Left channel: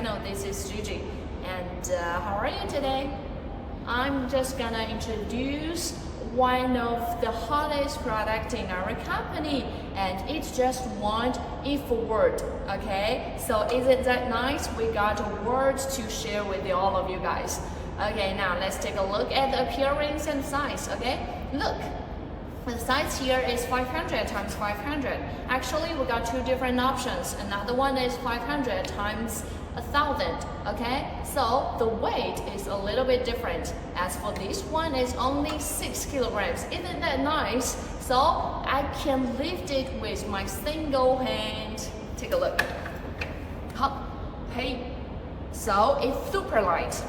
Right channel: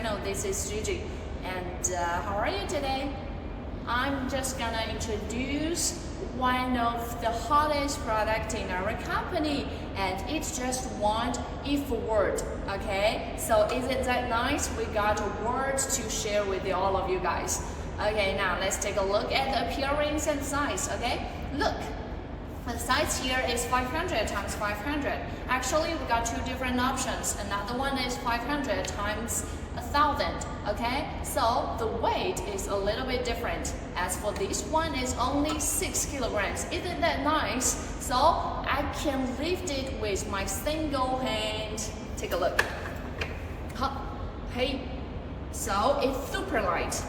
channel. This is Gigi, and how are you today? I'm just gonna introduce one of the hottest product in our company, and it's just one if word. Okay, so isn't that nice? We got words to share with all of you guys. Okay, now let's take a look at the appearance and size. Okay, look. The size here is 500 times 500. Actually, we got two different options. Another one is 500 times 1000. Okay, so the weight is a little bit different. As for this one, it's only 6 kilograms. Isn't that nice? So I can lift it with my single hand. Take a look. Hey, so it's super light.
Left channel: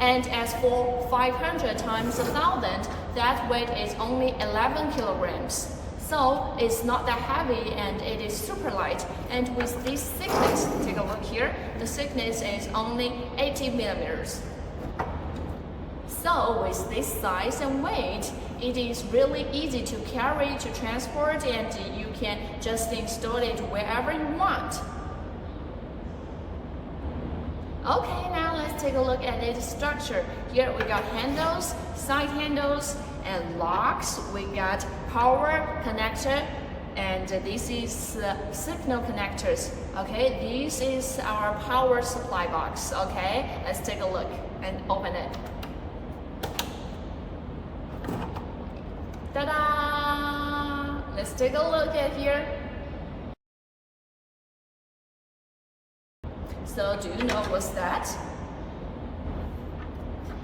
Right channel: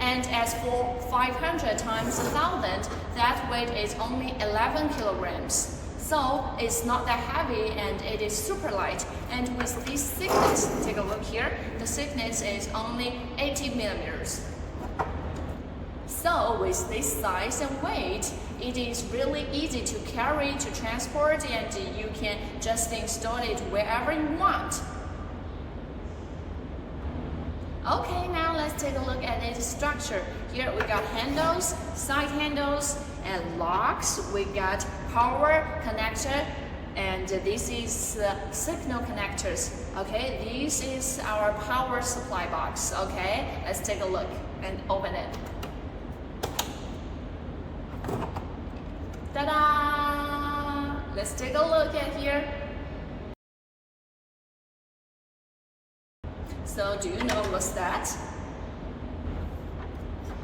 And as for 500 times 1000, that weight is only 11 kilograms. So it's not that heavy and it is super light. And with this thickness, take a look here, the thickness is only 80 millimeters. So with this size and weight, it is really easy to carry, to transport, and you can just install it wherever you want. Okay, now let's take a look at its structure. Here we got handles, side handles, and locks. We got power connector, and this is the signal connectors. Okay, this is our power supply box. Okay, let's take a look and open it. Ta-da! Let's take a look at here. So do you know what's that?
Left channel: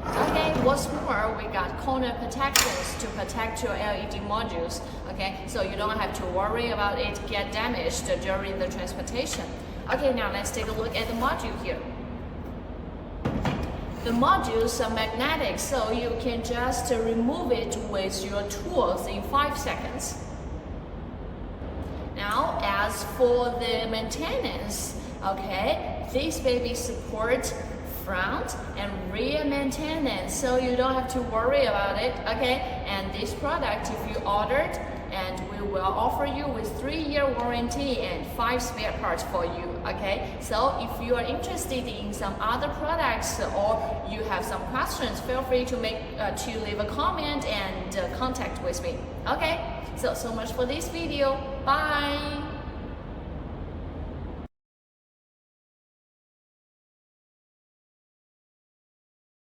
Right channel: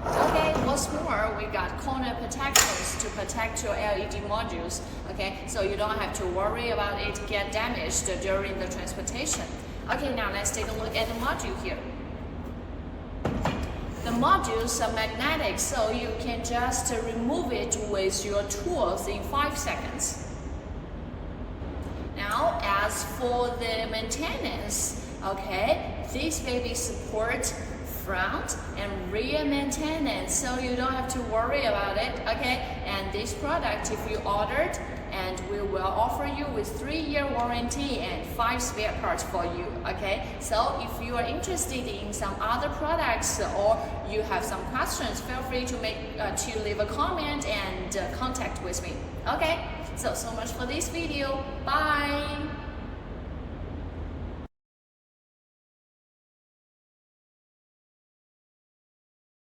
Okay, what's more, we got corner protections to protect your LED modules. Okay, so you don't have to worry about it get damaged during the transportation. Okay, now let's take a look at the module here. The modules are magnetic, so you can just remove it with your tools in 5 seconds. Now, as for the maintenance, okay, this baby supports front and rear maintenance, so you don't have to worry about it. Okay, and this product, if you ordered, and we will offer you with 3-year warranty and 5 spare parts for you. Okay, so if you are interested in some other products or you have some questions, feel free to leave a comment and contact with me. Okay, so much for this video. Bye.